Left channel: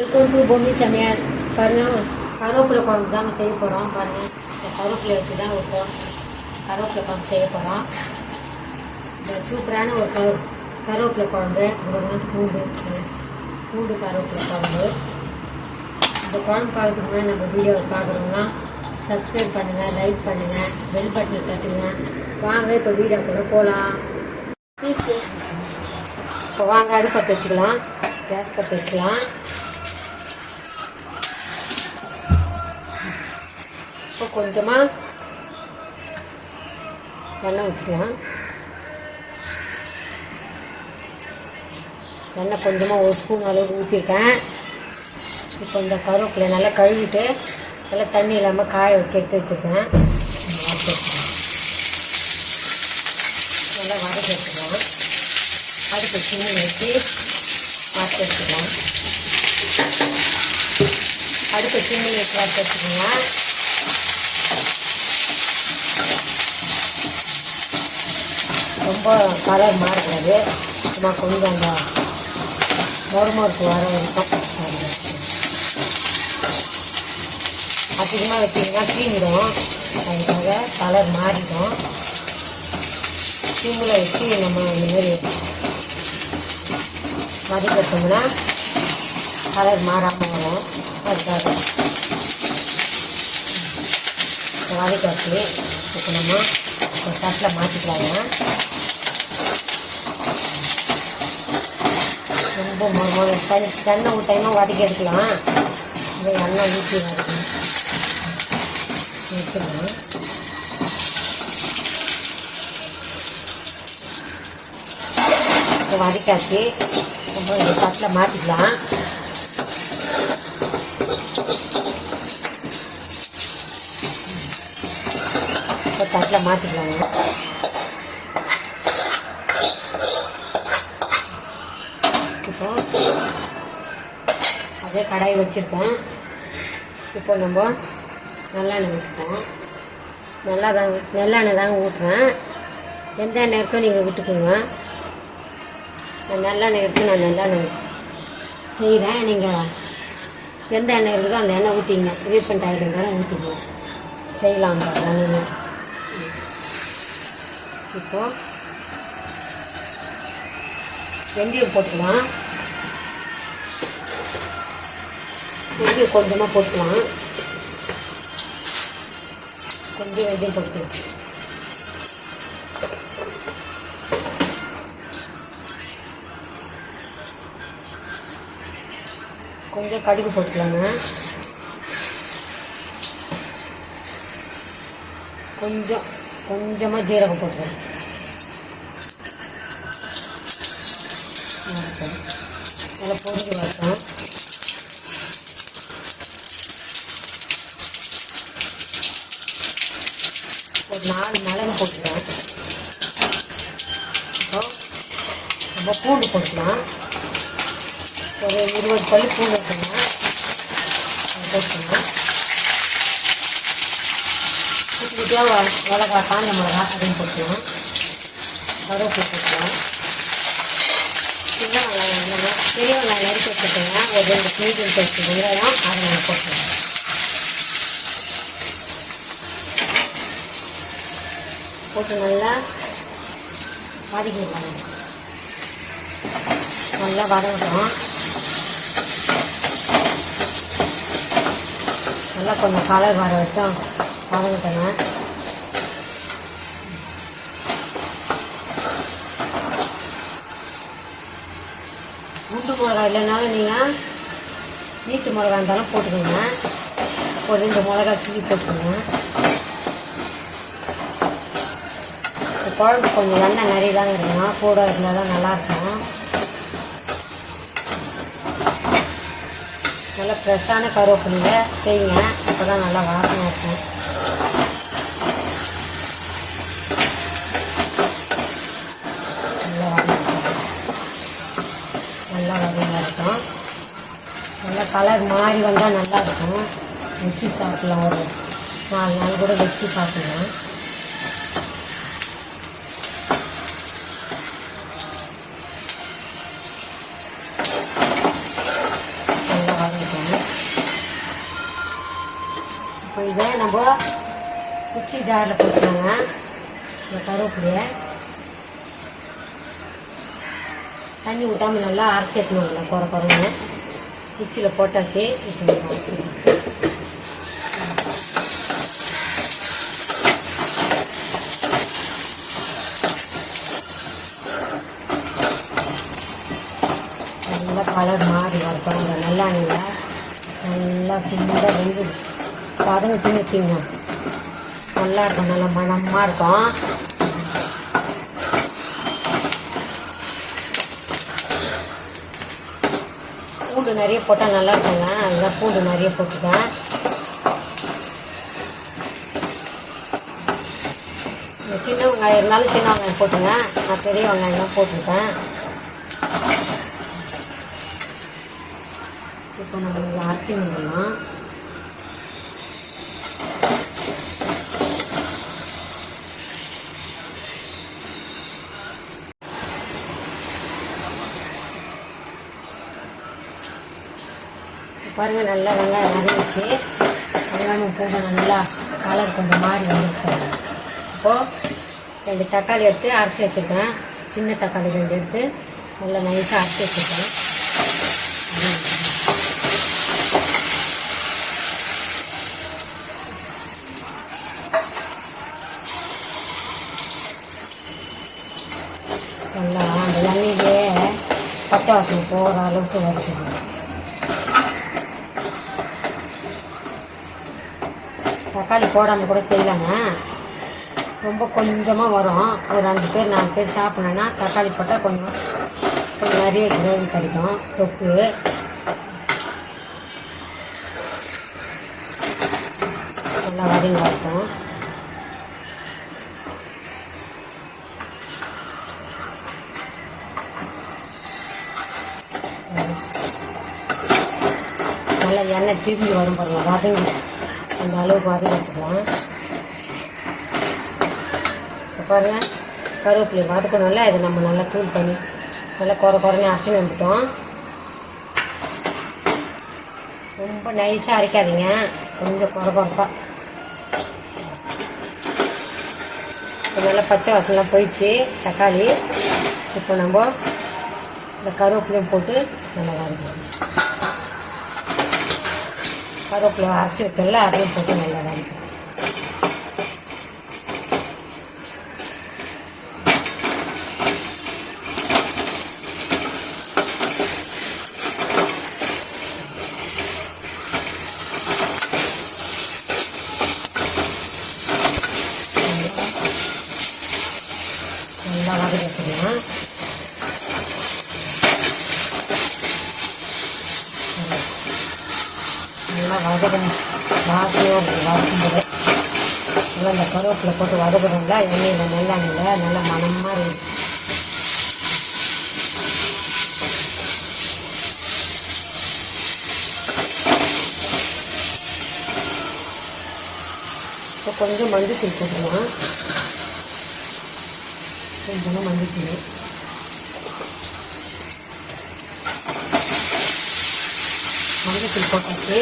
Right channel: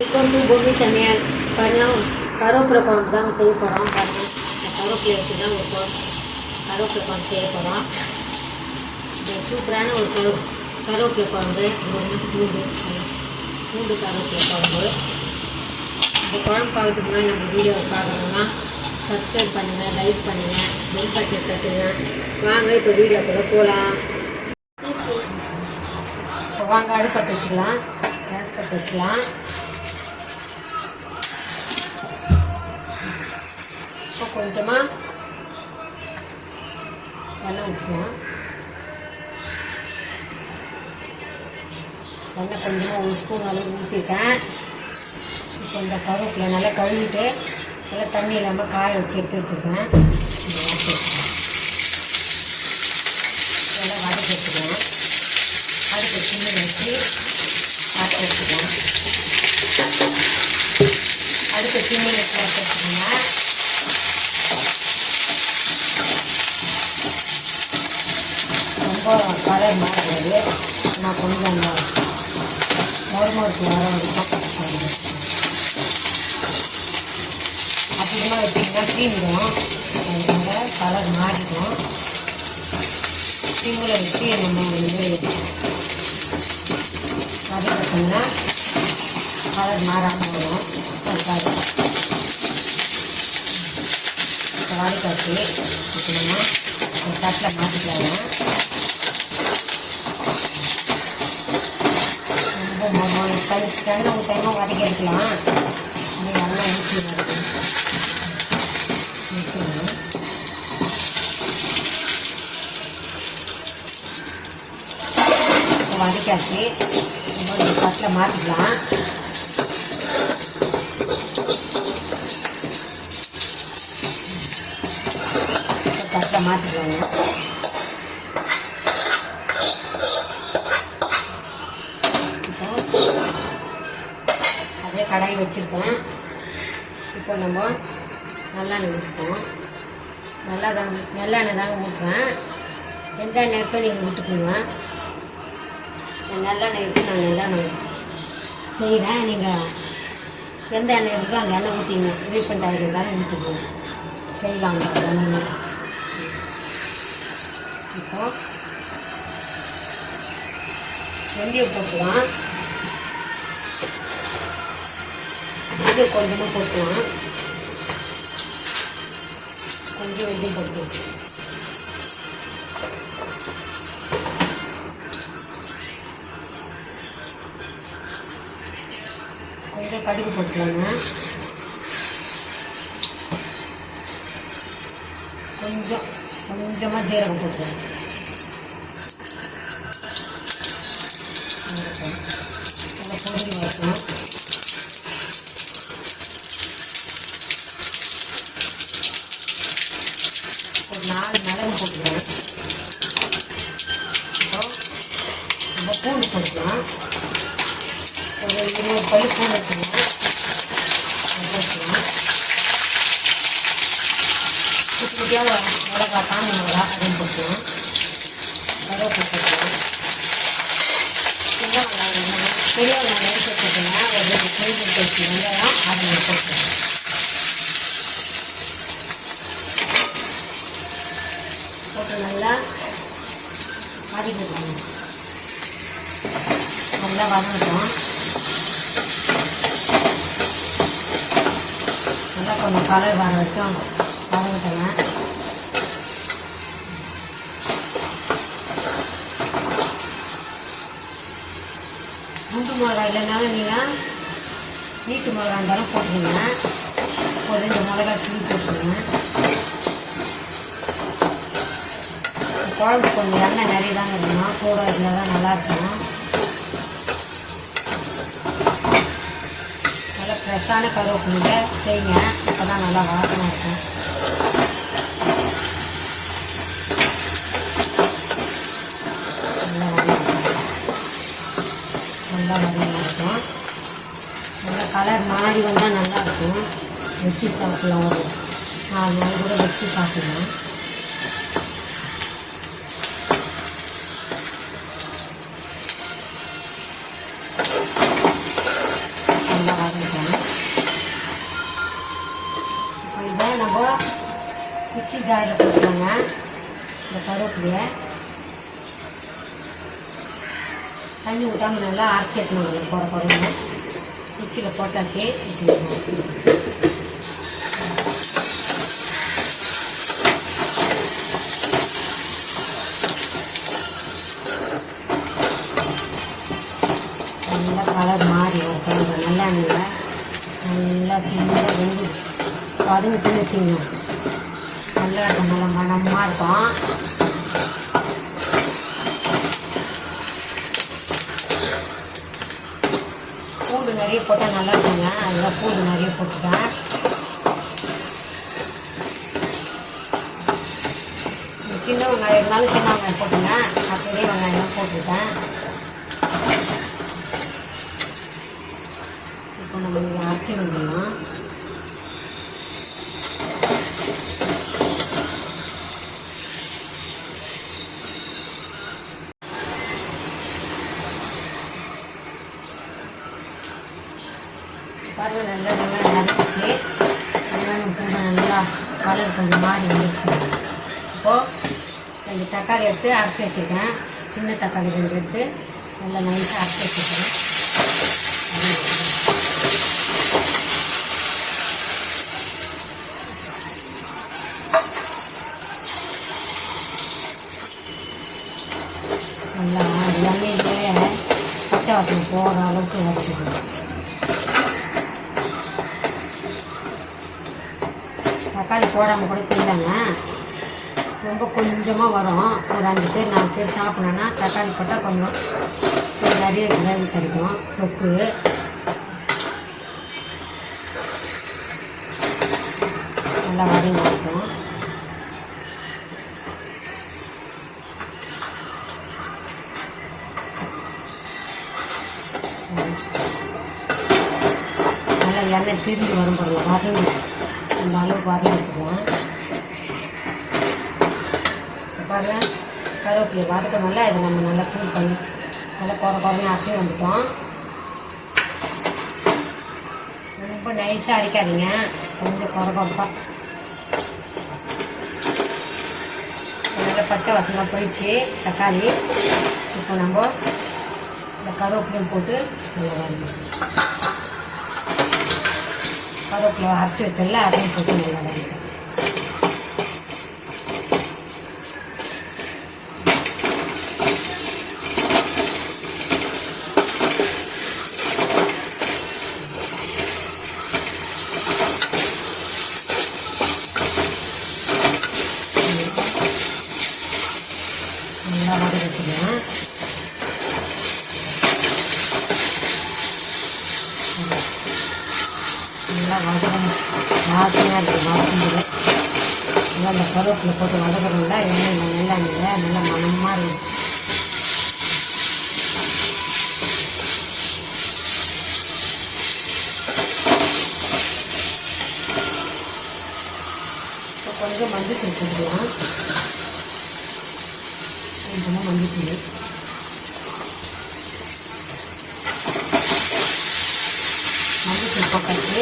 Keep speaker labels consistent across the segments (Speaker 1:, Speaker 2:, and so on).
Speaker 1: Welcome to பூமி சமையல் பாருங்கள் கருவேப்பிலை குழம்பு தாங்க செய்ய போகிறோம் பாருங்கள் இந்த கருவேப்பிலை வச்சு தான் ஒரு கருவேப்பிலை குழம்பு செய்ய போகிறோம் இந்த சூப்பரான ஒரு கரு கருவேப்பிலை குழம்பு ஒரு பூண்டு பூண்டு கருவேப்பிலை குழம்பு. இந்த குழம்பு பார்க்கறதுக்கு முன்னாடி நம்ம வீடியோவை பார்க்கணும்னா சப்ஸ்கிரைப் பண்ணுங்கள் லைக் பண்ணுங்கள் பெல் பட்டன் தட்டுங்க. வாங்க இப்போ வீடியோக்குள்ளே போகலாம் இப்போ வாங்க அடுப்பத்தை வச்சுக்கலாம் கேஸ் பற்ற வச்சுக்கலாம். இப்போ கொஞ்சமாக எண்ணெய் ஊற்றிக்கலாம் எண்ணெய் கொஞ்சமாக ஒரு ஸ்பூன் அளவு ஊற்றிருக்கேன் இப்போ இந்த கருவேப்பிலை நல்லா கழுவிட்டு நல்லா தண்ணி இல்லாமல் காய வச்சு எடுத்து வச்சுருக்கேன். நல்லா வதக்கி வச்சுக்கலாம் அடுப்பு சின்ன வச்சு வதக்கி வச்சுக்கலாம் அடுத்த சின்ன வச்சு வதக்கி வச்சுக்கலாம் ரொம்ப கலர் மாறுறது நான் கொஞ்சம் மறுமறுப்பு வர வரைக்கும் அதிகமாக வச்சிங்கன்னா தீங்கிடும் அதனால கலர் மாறிடும் தீங்குல வச்சு இந்த மாதிரி வதக்கிட்டோம்னா கலர் மாறாமல் வரும் அதுக்காக தட்டில் மாற்றிக்கலாங்க. தண்ணி தண்ணி ஊற்றாம வதக்கி எடுக்கலாம் இந்த நல்லா ஊற்றி வதக்கணும் இப்போ வதக்காச்சு ரொம்ப தட்டில் மாற்றிக்கலாம் இப்போ தட்டில் மாற்றிக்குவோங்க இப்போ அதே கடாய் வச்சுருக்கேன் ரொம்ப நல்லெண்ணெய் ஊற்றுவோம் நல்லா தாங்க நல்லெண்ணெய் தாங்க ஊற்றுறேன் எந்த எண்ணெய் இருக்கோ நீங்கள் விட்டுக்கோங்க நல்லெண்ணெய் இருக்கு நான் நல்லெண்ணெய் செய்கிறேன் நீங்கள் எந்த எண்ணெய் இருக்கோ அந்த எண்ணெய் ஊற்றிங்க ரீஃபண்ட் ஆகிடும் தானே ஊற்றிக்கோங்க செய்யலாம் இப்போது இப்போ வெந்தயம் போட்டுக்கலாம். வெந்தயம் கொஞ்சமாக போட்டுக்கலாம். கொஞ்சம் வெந்தயம் போட்டு கொஞ்சம் கடுகு போட்டுக்கலாங்க. கொஞ்சம் கொஞ்சமாக ஜீரகம் போட்டுக்கலாம். அதை வைக்கணும் ஒரு நாலு மிளகு போட்டுக்கிறேன் இப்போ நம்ம பூண்டு போட்டுக்கலாம் ஒரு இருபது பள்ளி குட்டி குட்டியாக மிளகா காஞ்ச மிளகா அப்படின்னு போட்டுக்கலாம் மிளகா போட்டுக்கலாம் சும்மா பெரிய வெங்காயம் எடுத்து ஒரு எடுத்து அதை போட்டு நல்லா வதக்கிக்கலாம் நல்லா நல்லா கொஞ்சம் கலர் வர வரைக்கும் வதங்கிட்டோங்க குண்டு மிளகா இல்லைனாலும் நீங்கள் வீட்டு மிளகா இருந்தாலும் போட்டுக்கோங்க. ஒரு ரெண்டு மிளகா கிளி போட்டுக்கோங்க. குழம்பு கொஞ்சம் எண்ணெய் நிறைய தான் இருக்கணும் கூட இருந்தால் தான் நல்லாயிருக்கும் நல்லா ஃப்ரெஷ்ஷான கருவேப்பிலை செய்யுங்க அப்போ தான் நல்லா வாசனை இருக்கும் நல்லா நல்லா இருக்கும் நல்லா கலர் மாறி வந்தால் நல்லா இருக்கும். மிக்சி சாப்பிடலாம். ஒரு அதனால கூட மிக்சி சாப்பிடுவேன் நல்லா இதை நம்ம மிக்ஸி ஜாரில் போட்டுக்கோங்க இந்த கருவேப்பிலையை தண்ணி ஊற்றாமல் நல்லா அரைச்சிக்கணும் எடுத்துக்கணும் குறை குறைன்னு மிக்சியில் போட்டாச்சு. இப்போ நல்லா நல்லா நல்லா பின்னாடி வந்து பதவிட்டு வச்சுங்க நல்லா இருக்கும் நல்லா மனமாக இருக்கும் பூண்டு நிறைய போட்டால் நல்லா இருக்குங்க அதெல்லாம் பூண்டு நிறைய போட்டுட்டேன் சின்ன வெங்காயம் இருந்தாலும் சின்ன வெங்காயம் போட்டுங்க நான் பெரிய வெங்காயம் தான் போட்டுருக்கேன் இப்போ நம்ம அரைச்சி முடியணும் பாருங்க நல்லா வெங்காயம் நிறைஞ்சிச்சு வெங்காயம் கொஞ்சம் நல்லா இருக்கும் கொஞ்சம் மாதிரி இப்போது ரெண்டு தக்காளி எடுத்து அரைச்சி வச்சுருக்கேன் சின்ன தக்காளி ரெண்டு எடுத்து நல்லா நைஸாக அரைச்சி வச்சுருக்கேன் நல்லா எல்லாமே பச்சை வாசனை போகிற அளவுக்கு வறுக்கணும் தக்காளி போடாமல் கூட செய்யலாங்க. ரொம்ப கொஞ்சமாக வரும். ஒரு அஞ்சு பேர் நாலு பேர் சாப்பிட்றேன்னா தக்காளி போட்டால் கொஞ்சம் கொஞ்சம் நிறைய கிரேவி கிடைக்கும். தொக்கு. நல்லா வரையும் இருக்கும். நல்லா எண்ணெய் திரும்பி வரும் பாருங்க வதங்கி. இந்த அளவுக்கு வதங்கிட்டுருவேன் பாருங்க கருவேப்பிலை வதக்கணும்ல இதை நம்ம நல்லா கூல் பண்ணி நல்லா குறை குறையும் அரைச்சி வந்துட்டோம். ரொம்ப நைஸாக அரைக்காதீங்க. கொஞ்சம் குறை குறைப்பா நல்லா பச்சை வாசலாம் போயிடுச்சு. தக்காளி இப்போ நம்ம இந்த கருவேப்பிலையும் போட்டு நல்லா வதக்கணும் கருவேப்பிலை அரைச்சி வச்சோம்ல அதையும் போட்டு நல்லா வதக்கணும் நல்லா வதக்கணும் நல்லா வதக்கணும் வாசனையாக இருக்குது வாசனை நல்லா இந்த கருவேப்பிலை போட்டு வதக்குறோம்ல எண்ணெயில் வேண்டாங்க நல்லா மனமாக இருக்கும் இப்போ கொஞ்சம் மஞ்சள் தூள் போட்டுக்கலாம். கொஞ்சமாக மஞ்சள் தூள் மஞ்சள் தூள் போட்டாச்சு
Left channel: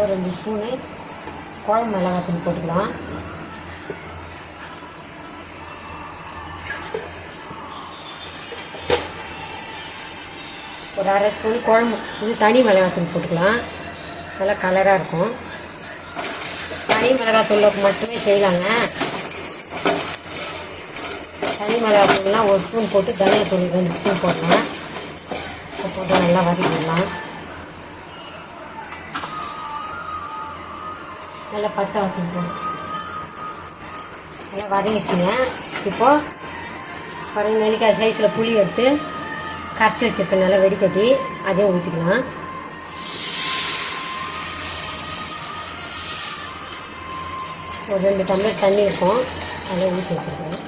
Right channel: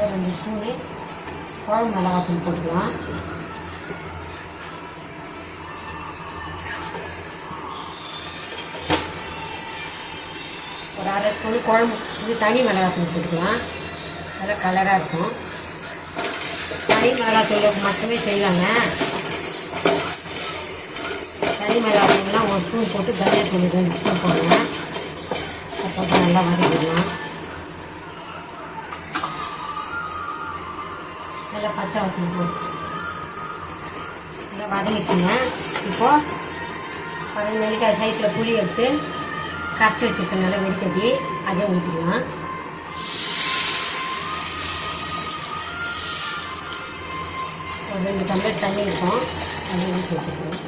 Speaker 1: ஒரு ரெண்டு ஸ்பூனு குழம்பு மிளகாத்தூள் போட்டுக்கலாம். ஒரு அரை ஸ்பூன் குழம்பு இது தனி மிளகாத்தூள் போட்டுக்கலாம். நல்லா கலராக இருக்கும். தனி மிளகாத்தூள் மட்டுமே செய்யலாங்க. தனி மிளகாத்தூள்லாம் ஒரு ஸ்பூன் போட்டு தனியாத்தூள் ரெண்டு ஸ்பூன் போடுங்க நல்லா வதக்கிடலாம். நல்லா பச்சை வாசனை போடும் நல்லா வதங்கிச்சுங்க இப்போது ஒரு நெல்லிக்காய் சைஸில் புளி எடுத்து கரைச்சி வச்சுருக்கேன். நல்லா வெடிக்கட்டி அதே ஊற்றிக்கலாம் ஒரு ரெண்டு டம்ளர் தண்ணி இருக்கும். அதை ஊற்றி வச்சுருக்கேன்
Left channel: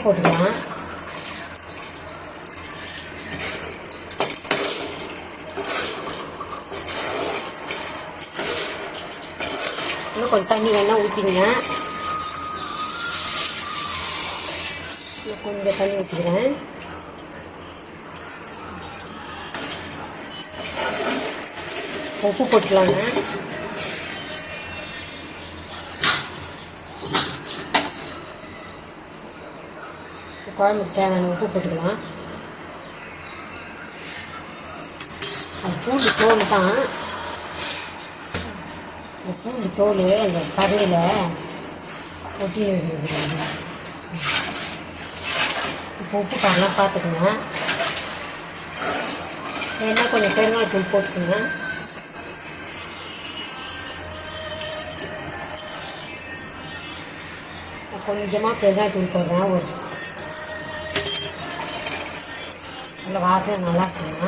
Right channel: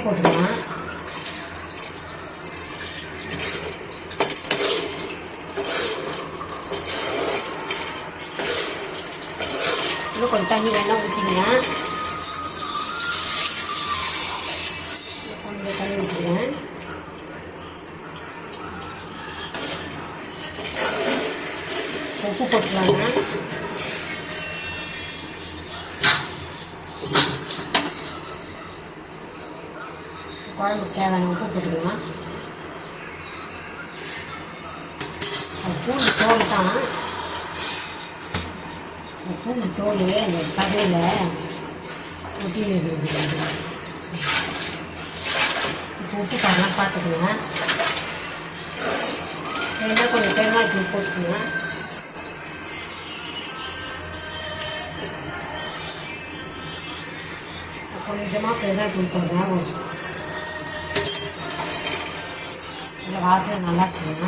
Speaker 1: உப்பு போட்டுக்கலாம் இன்னும் கொஞ்சம் தண்ணி வேணால் ஊற்றிடுங்க கொஞ்சம் தண்ணி ஊற்றிக்கிறேன் உப்பு போட்டுக்கலாங்க. குழம்புக்கு தேவையான உப்பு போட்டுக்கலாம் பூண்டு தோல் தான். இந்த பூண்டு தோல் இந்த கடையில் ஒட்டி இப்போ உப்பு தரலாம் பார்த்துக்கோங்க. என்ன கொஞ்சம் பெருங்காயத்தூள் போட்டுக்கோங்க. கொஞ்சமாக பெருங்காயத்தூள் போடுறேன். இந்த வாசனை நல்லா இருக்குங்க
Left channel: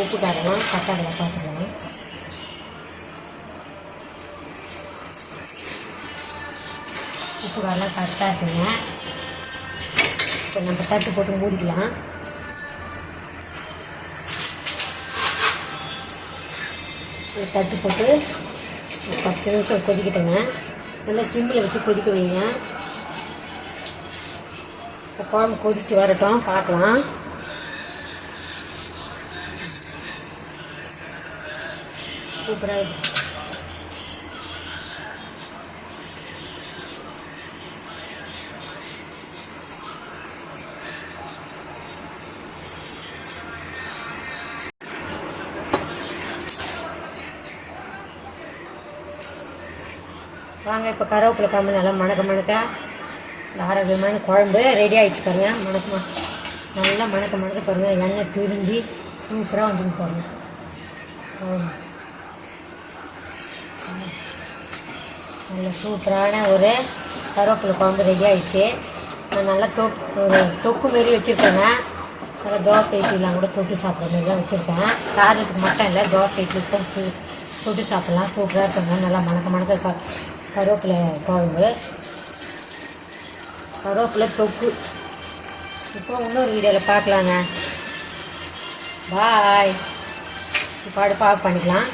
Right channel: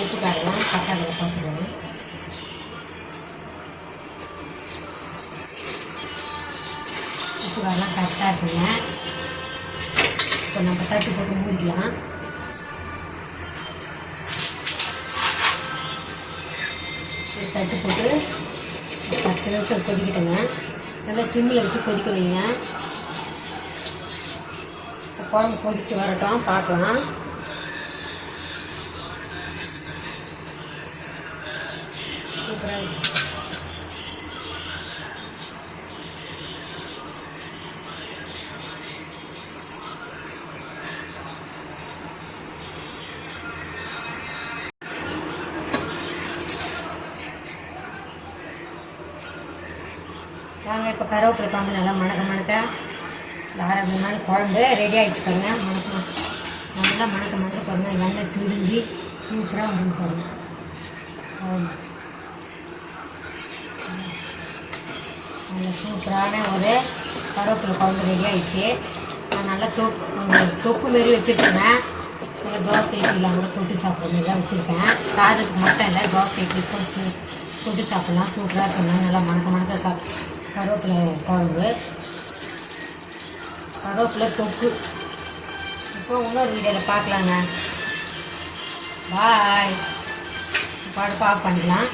Speaker 1: ஊற்றிக்காரங்க தக்காளி பார்த்துக்கணும் இப்போ வரலாம் கரெக்டாக இருக்குங்க. இப்போ நம்ம தட்டு போட்டு மூடிக்கலாம். தட்டி தட்டு போட்டு பத்து நிமிஷம் கொதிக்கிட்டோங்க. நல்லா சிம்மில் வச்சு கொதிக்க வைங்க. இப்போ குழம்பு கொதிச்சு வரட்டும் பார்க்கலாம். சூப்பராக வாங்க இப்போ கருவேப்பிலை குழம்பு நல்லா மணக்க மணக்க இந்த ஆரோக்கியமான குழம்பு ரெடி ஆகிடுச்சு மணக்க நல்லா மணக்க மணக்க பாருங்கள் எண்ணெய் பிரிஞ்சு சூப்பராக வந்து பாருங்க. நல்ல சூப்பரான ஒரு கருவேப்பிலை குழம்பு ரெடி ஆகிடுச்சு நான் நல்லா தொக்கு தொக்கு மாரி வச்சுருக்கேங்க. ஒரு தோசை இட்லிலாம் கூட தொட்டு சாப்பிட்ற மாதிரி தான் வச்சுருக்கேன். சாதத்துக்கு மட்டும் இல்லை தோசை இட்லி சூ தொட்டு சாப்பிட்லாம். சூப்பராக இருக்குங்க. நல்லா மணக்க மணக்க சாப்பிட்டு கருவேப்பிலை குழம்பு. கருவேப்பிலை தொக்கு. இப்போ இன்னொரு வீடியோவில் பார்க்கலாண்ணா. பாய் இப்போ அடுப்பு ஆஃப் பண்ணிக்கலாம்.